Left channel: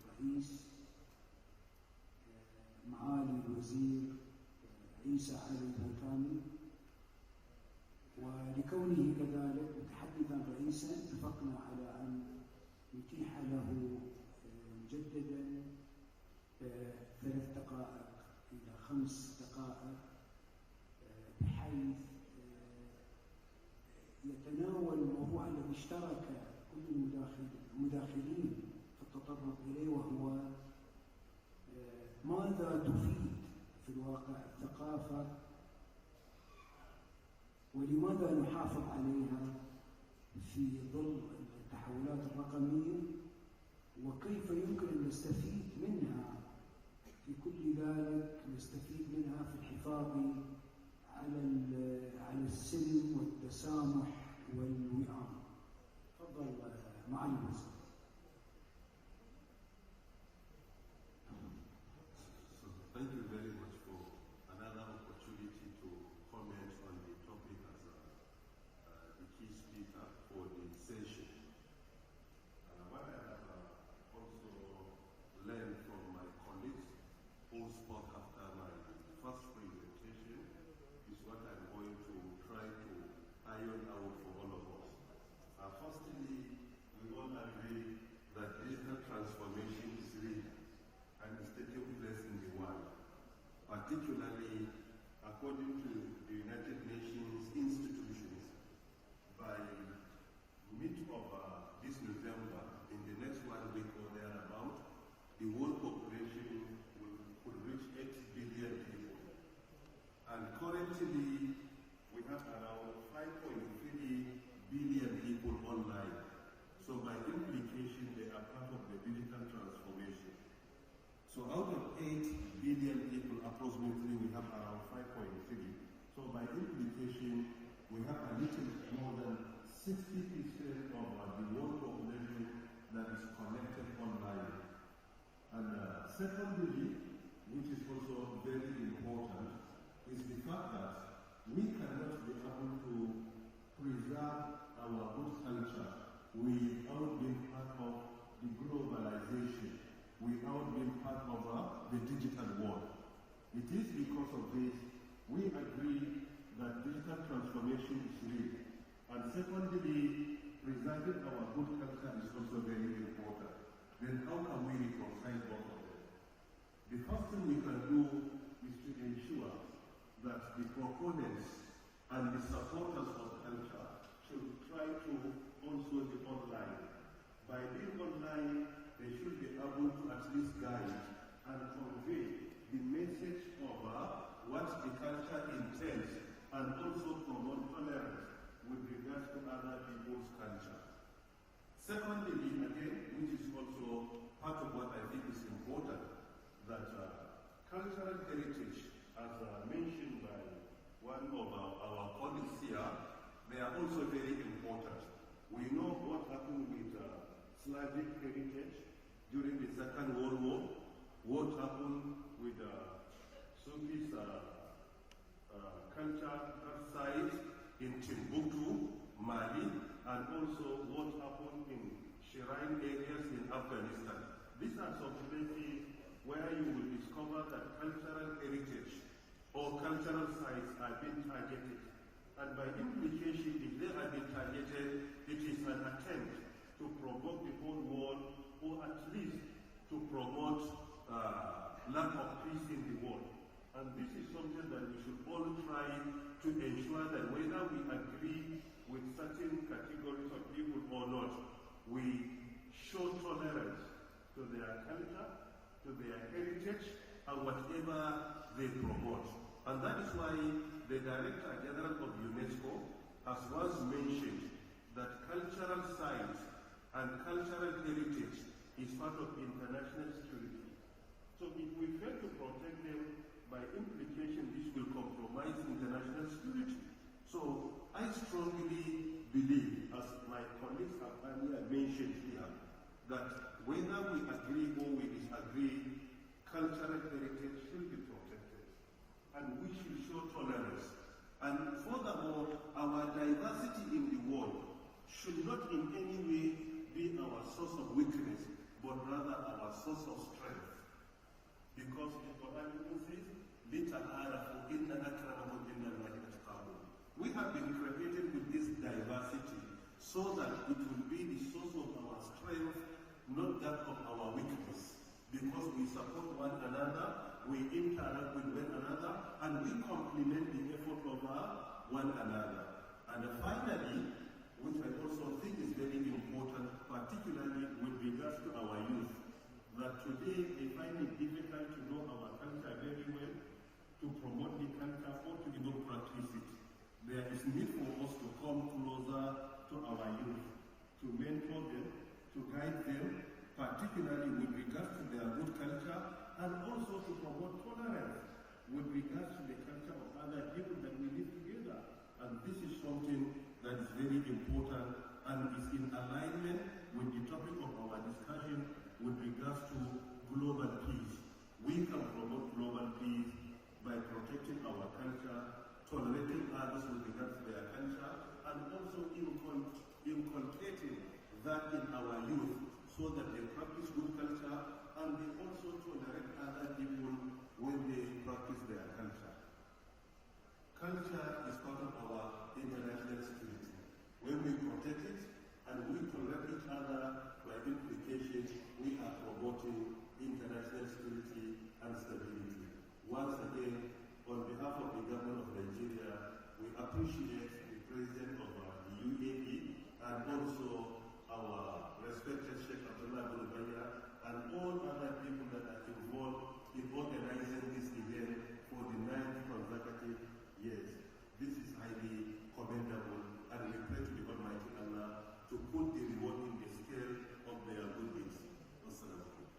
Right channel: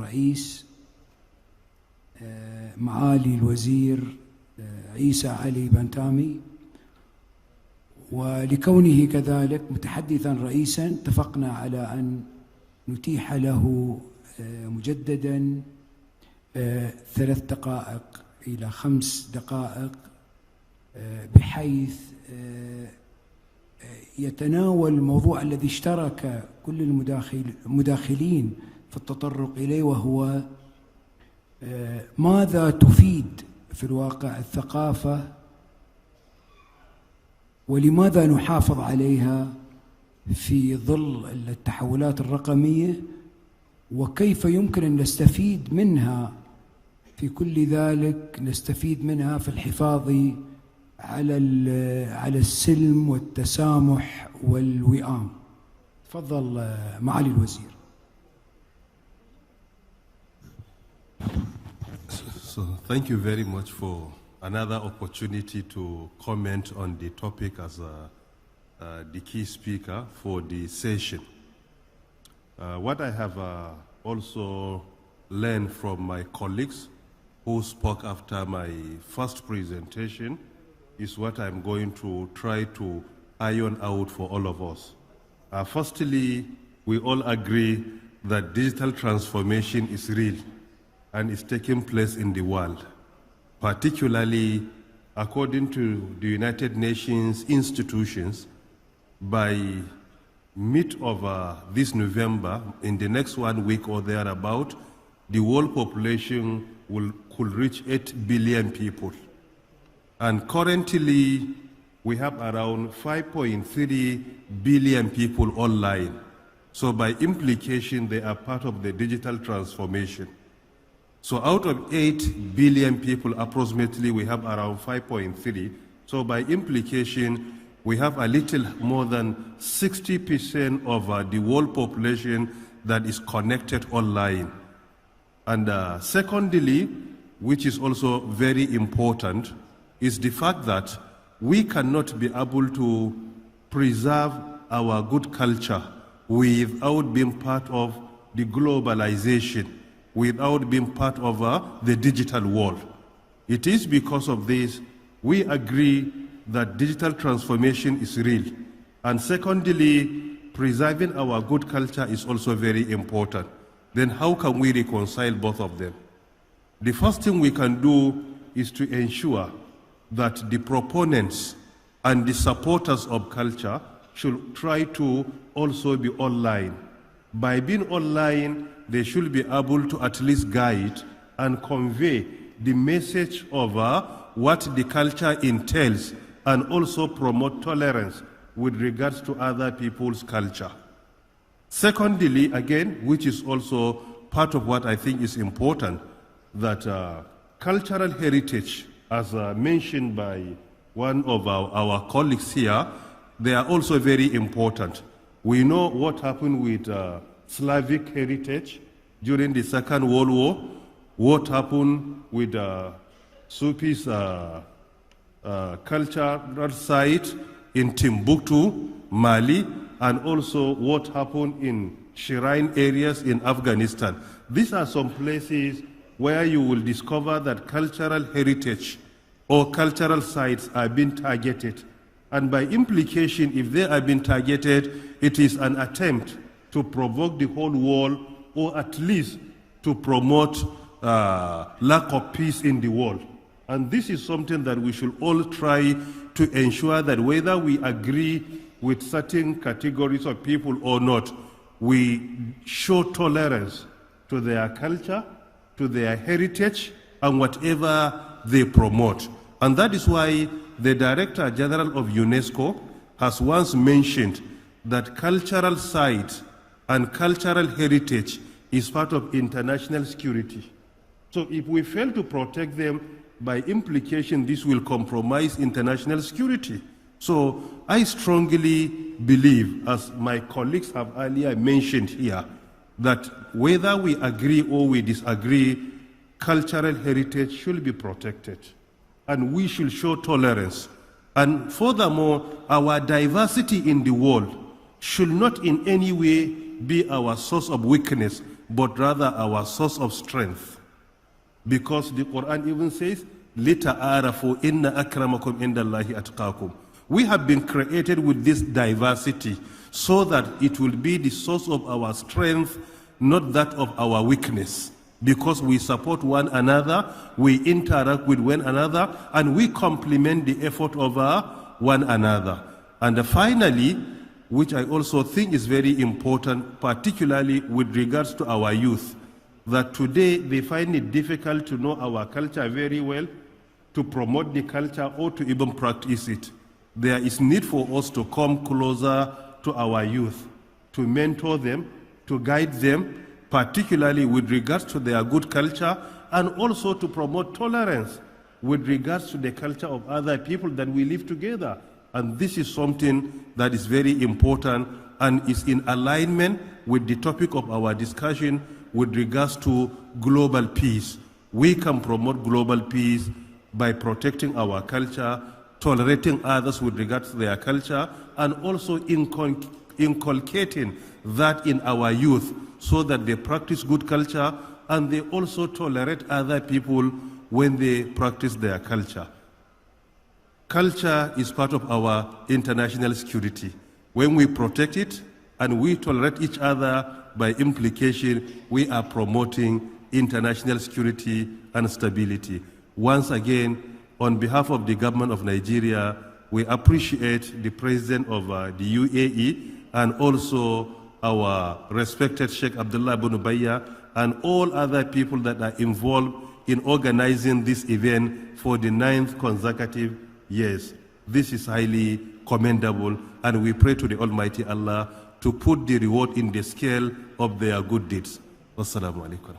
الرئيس معالي الوزير عيسى علي بنتامي، ولكونه كذلك متحدثا رئيسا اتفقنا على أن نتيح له مجددا 3 دقائق إلى 5 دقائق، بحيث يتناول الموضوع الذي اشترك كل المداخلين في التطرق إليه، وهو ماذا تفيد في الواقع الثقافة، ولماذا نحافظ عليها في ظل التحولات الرقمية، وكيف يمكن أن نستفيد منها في كل ذلك، نستفيد منها في الحفاظ على السلم والتسامح والوئام. تفضل معالي الوزير. So thank you very much for another opportunity to comment on the topic as the key speaker for the session. What I have also learned from my colleagues who spoke after my first presentation is what I'm going to try to iron out for all of us. Firstly, we all agree that digital transformation is real and is taking place in the world, particularly according to the United Nations institutions. By mid of this November, in the next 1 week or thereabout, the world population could reach 8 billion people. And currently, we have around 5.3 billion people online. So by implication, they are part of the digital transformation. So out of 8 billion people, approximately, we have around 5.3. So by implication, we have a little more than 60% of the world population that is connected online. And secondly, which is also very important, is the fact that we cannot be able to preserve our good culture without being part of the globalization, without being part of the digital world. It is because of this we agree that digital transformation is real. And secondly, preserving our good culture is also very important. Then how can we reconcile both of them? The first thing we can do is to ensure that the proponents and the supporters of culture should try to also be online. By being online, they should be able to at least guide and convey the message of what the culture entails, and also promote tolerance with regards to other people's culture. Secondly, again, which is also part of what I think is important, that cultural heritage, as mentioned by one of our colleagues here, they are also very important. We know what happened with Slavic heritage during the Second World War, what happened with Sufi's cultural site in Timbuktu, Mali, and also what happened in shrine areas in Afghanistan. These are some places where you will discover that cultural heritage or cultural sites are being targeted. And by implication, if they are being targeted, it is an attempt to provoke the whole world, or at least to promote lack of peace in the world. And this is something that we should all try to ensure that whether we agree with certain categories of people or not, we show tolerance to their culture, to their heritage, and whatever they promote. And that is why the Director General of UNESCO has once mentioned that cultural sites and cultural heritage is part of international security. So if we fail to protect them, by implication, this will compromise international security. So I strongly believe, as my colleagues have earlier mentioned here, that whether we agree or we disagree, cultural heritage should be protected. And we should show tolerance. And furthermore, our diversity in the world should not in any way be our source of weakness but rather our source of strength. Because the Quran even says, لِتَعَارَفُوا إِنَّ أَكْرَمَكُمْ عِنْدَ اللَّهِ أَتْقَاكُمْ. We have been created with this diversity so that it will be the source of our strength, not that of our weakness. Because we support one another, we interact with one another, and we complement the effort of one another. And finally, which I also think is very important, particularly with regards to our youth, that today they find it difficult to know our culture very well, to promote the culture, or to even practice it. There is need for us to come closer to our youth, to mentor them, to guide them, particularly with regards to their good culture, and also to promote tolerance with regards to the culture of other people that we live together. And this is something that is very important and is in alignment with the topic of our discussion with regards to global peace. We can promote global peace by protecting our culture, tolerating others with regards to their culture, and also inculcating that in our youth so that they practice good culture and they also tolerate other people when they practice their culture. Culture is part of our international security. When we protect it and we tolerate each other, by implication, we are promoting international security and stability. Once again, on behalf of the government of Nigeria, we appreciate the President of the UAE and also our respected Sheikh Abdullah bin Ubayya and all other people that are involved in organizing this event for the 9th consecutive years. This is highly commendable, and we pray to the Almighty Allah to put the reward in the scale of their good deeds. Wassalamu alaikum.